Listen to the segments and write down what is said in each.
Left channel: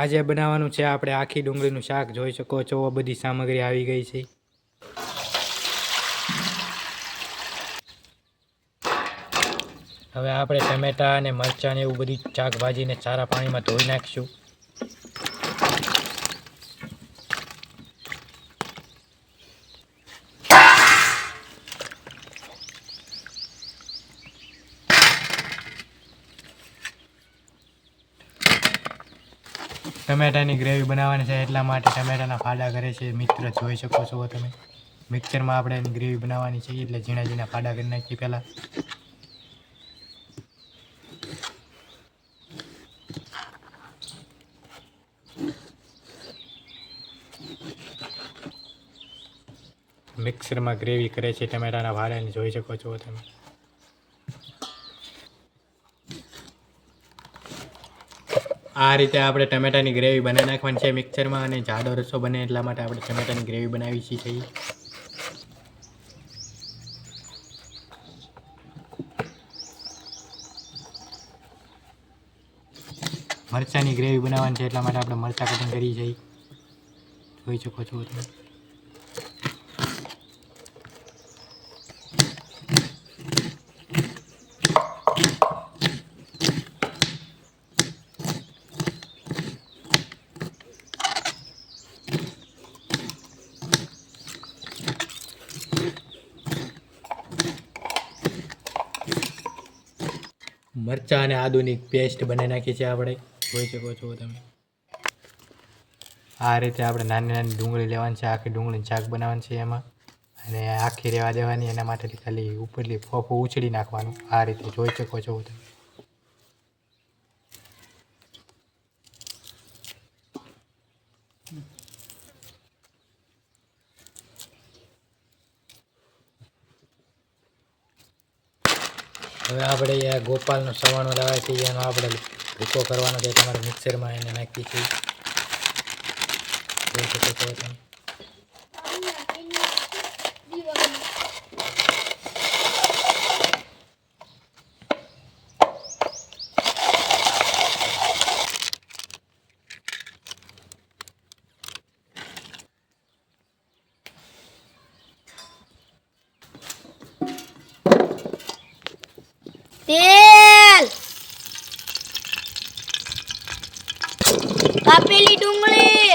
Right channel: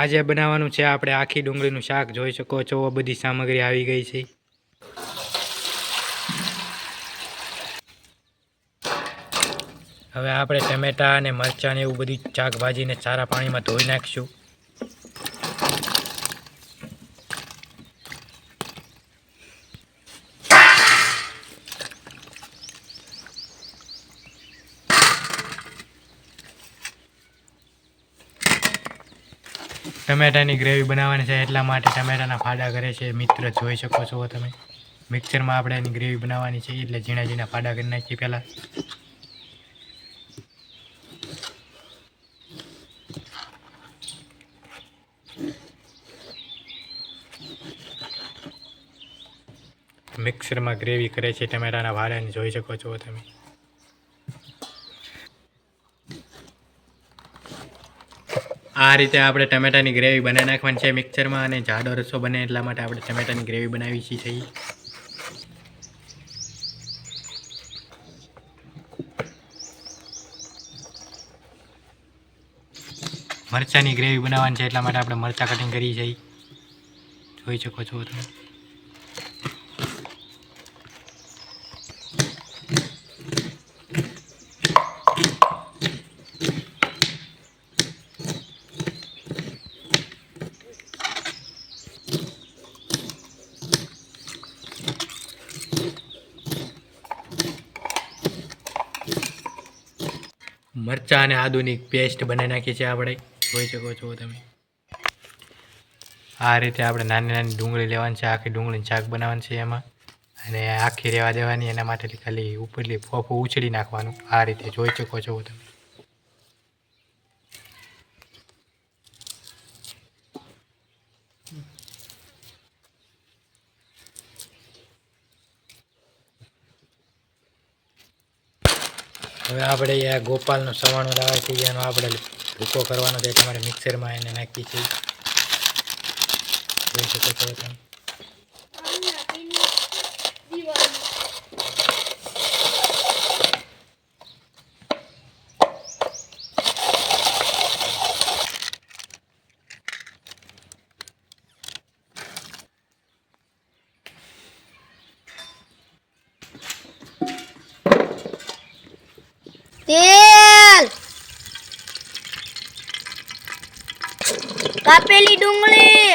આજે બનાવવાનું છે આપણે આખી ડુંગળીનું શાક. જોઈ શકો છો બધી સામગ્રી આવી ગઈ છે. હવે આપણે ટમેટા અને મરચાં ને એવું બધી શાકભાજીને સારા પાણીમાં ધોઈ નાખીશું. ટમેટાની ગ્રેવી બનાવવાની છે એટલા માટે ટમેટાના ફાડા કરે છે મિત્ર. જોઈ શકો છો તમે. મિક્સરમાં આપણે એની ગ્રેવી બનાવવાની છે એટલે ઝીણા ઝીણા ફાડા કરી નાખીએ પહેલાં. મિક્સરમાં ગ્રેવી કરે છે ટમેટાના ફાડાની. જોઈ શકો છો તમે. આ રીતે આપણે ટમેટાની ગ્રેવી બનાવી નાખવાની છે મિક્સરમાં, અને જાડો રસો બને એટલા માટે આપણે ટમેટાની ગ્રેવી બનાવી છે. મરચાંની ગ્રેવી બનાવવાની છે એટલા માટે આપણે મરચાં કટિંગ કરી છે. જોઈ શકો છો તમે. મરચાં અને આદુની પેસ્ટ બનાવી નાખી છે આપણે. જોઈ શકો છો તમે. આ રીતે આપણે નાની નાની ડુંગળી લેવાની છે. આખી ડુંગળીનું શાક બનાવવાનું છે એમાં, અને આખી રહેવા દેવાની. એના માટે ખાલી ઉપરથી ફોફું ઉછળી નાખવાનું. આ રીતે જોઈ શકો છો તમે. હવે આપણે આ ગોપાલનો સવાણો લાવે છે એનો આપણે ભૂકો કરવાનો છે. તમારે મિક્સરમાં એને નાખી છે. જોઈ શકો છો તમે. તેલ, કાપેલી ડુંગળી,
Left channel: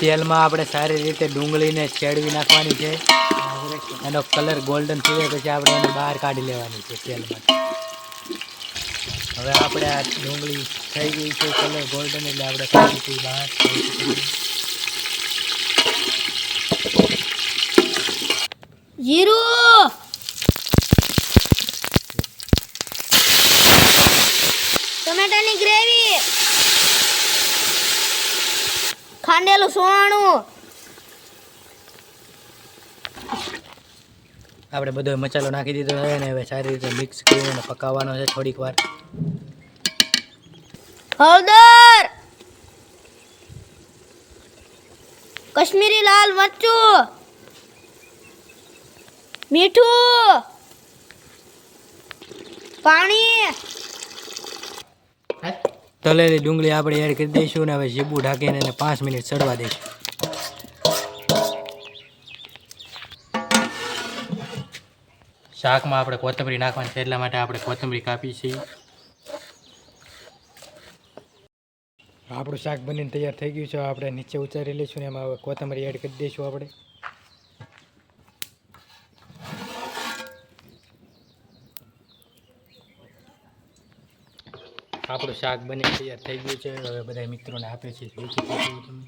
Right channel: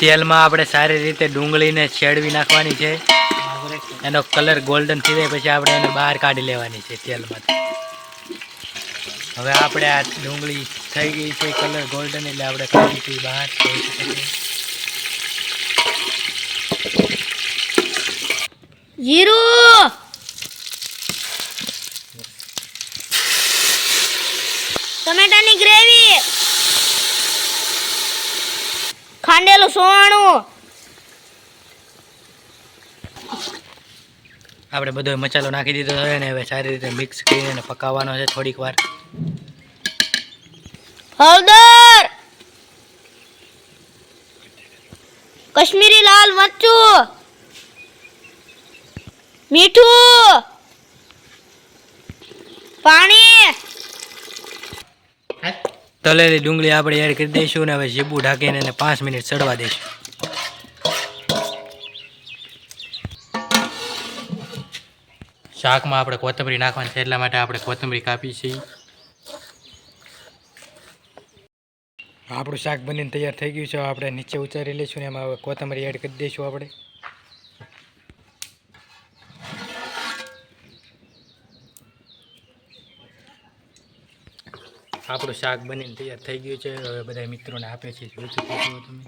તેલમાં આપણે સારી રીતે ડુંગળીને છેડવી નાખવાની છે. એનો કલર ગોલ્ડન થઈ જાય પછી આપણે એને બહાર કાઢી લેવાની છે તેલમાંથી. હવે આપણે આ ડુંગળી થઈ ગઈ છે કલર ગોલ્ડન, એટલે આપણે કાઢી હતી બહાર. જીરું, ટમેટાની ગ્રેવી, ખાંડેલું સોણું, આપણે બધો મસાલો નાખી દીધો છે ને હવે સારી રીતે મિક્સ કરીને પકાવવાનો છે થોડીક વાર. હળદર, કશ્મીરી લાલ મરચું, મીઠું, પાણી. તળેલી ડુંગળી આપણે એડ કરી દઈશું ને હવે ઝીબું ઢાંકીને એને 5 મિનિટ ચડવા દઈશું. શાકમાં આપણે કોથમરી નાખવાની છે એટલા માટે આપણે કોથમરી કાપી છે. આપણું શાક બનીને તૈયાર થઈ ગયું છે. આપણે નીચે ઉતારી લઈશું ને એમાં હવે કોથમરી એડ કરી દઈશું આપણે. આપણું શાક બની તૈયાર થઈ ગયું છે. હવે બધા મિત્રોને આપે છે. જોઈ શકો છો તમે.